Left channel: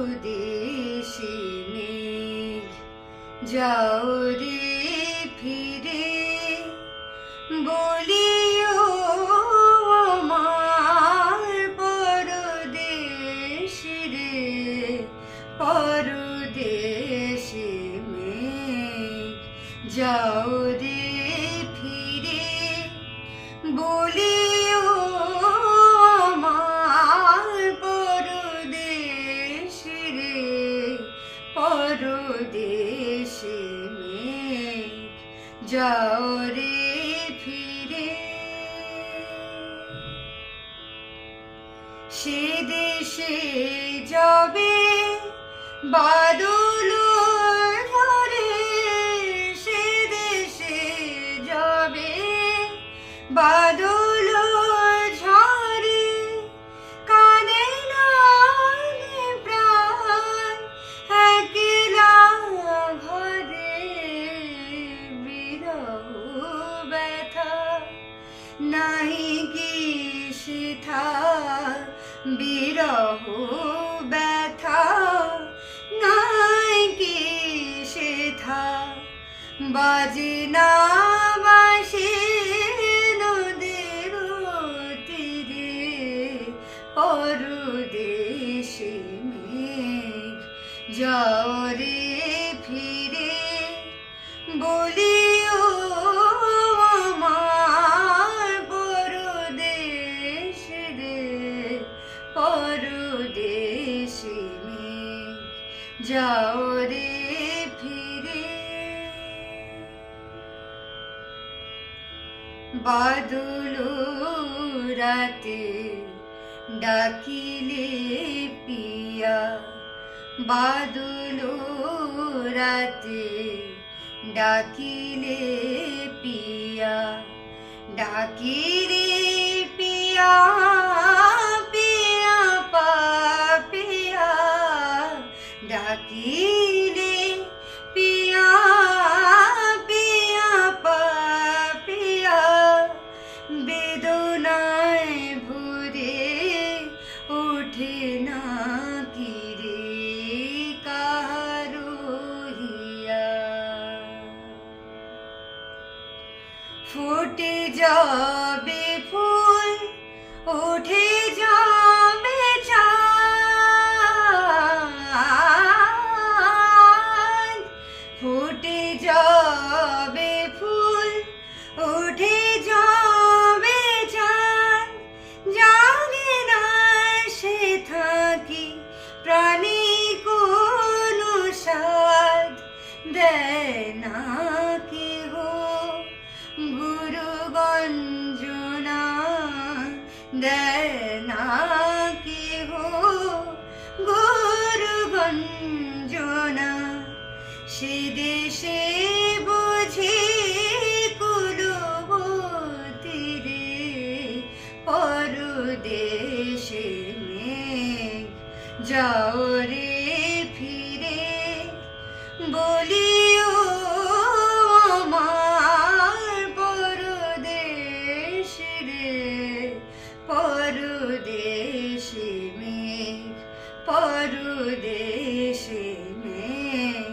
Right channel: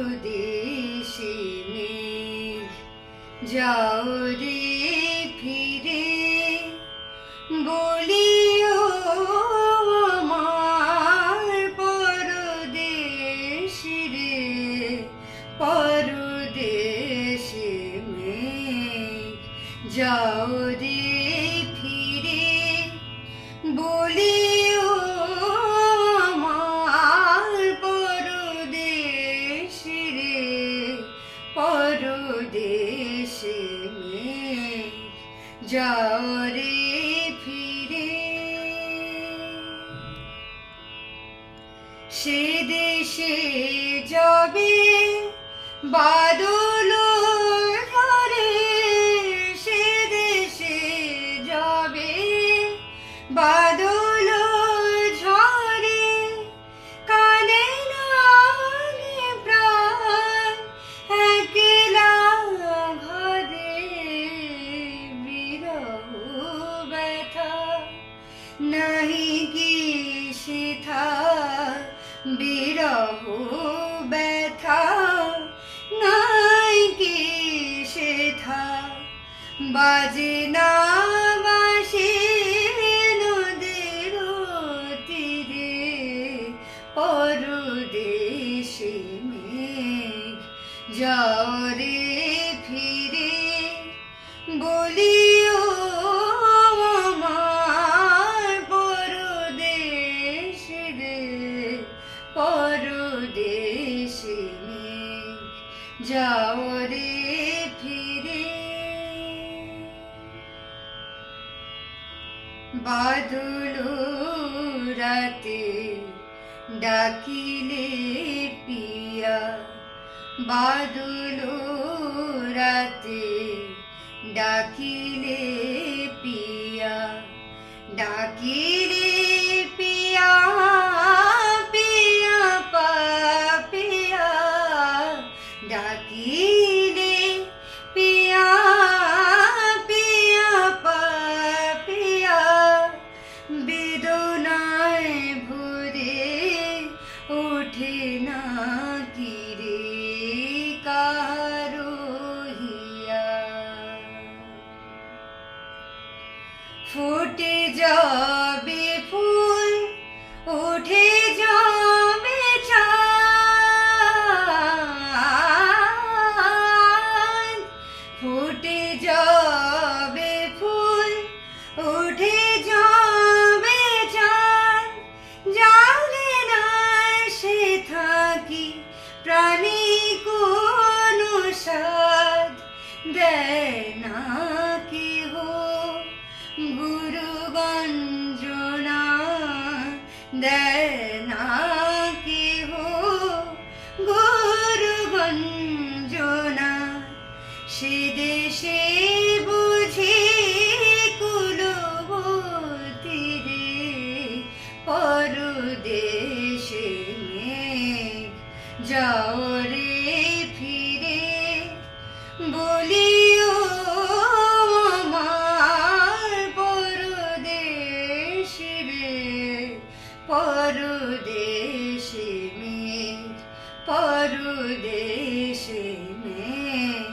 পরদেশে মেঘ যাও রে ফিরে বলিও আমার পরদেশে রে পরদেশে মেঘ যাও রে ফিরে বলিও আমার পরদেশে রে পরদেশে মেঘ যাও রে ফিরে সে দেশে যাবে বাদল ঝরে সে দেশে যাবে বাদল ঝরে কানে নালে প্রাণ একলা ঘরে বিরহ ব্যথা নাহি কি সেথা বিরহ ব্যথা নাই কি সেথা বাজে না বাঁশি নদীর তীরে পরদেশে মেঘ যাও রে ফিরে বলিও আমার পরদেশে রে পরদেশে মেঘ যাও রে ফিরে বাদল রাতে ডাকিলে পিয়া বাদল রাতে ডাকিলে পিয়া ডাকিলে পিয়া পিয়া পাপিয়া ডাকিলে পিয়া পিয়া পাপিয়া বেদনায় ভরে ওঠে না কি রে কাহারো হিয়া ফুটে যাবে ফুল ওঠে যাবে চাঁদ ফুটে যাবে ফুল ওঠে যাবে চাঁদ জানে না সে থাকি প্রাণী কোনো সাধ দেয় না কেহ গুরু গঞ্জনা দেয় না কেহ গুরু গঞ্জনা সে দেশে বুঝি কুলবতী রে পরদেশে মেঘ যাও রে ফিরে বলিও আমার পরদেশে রে পরদেশে মেঘ পরদেশে মেঘ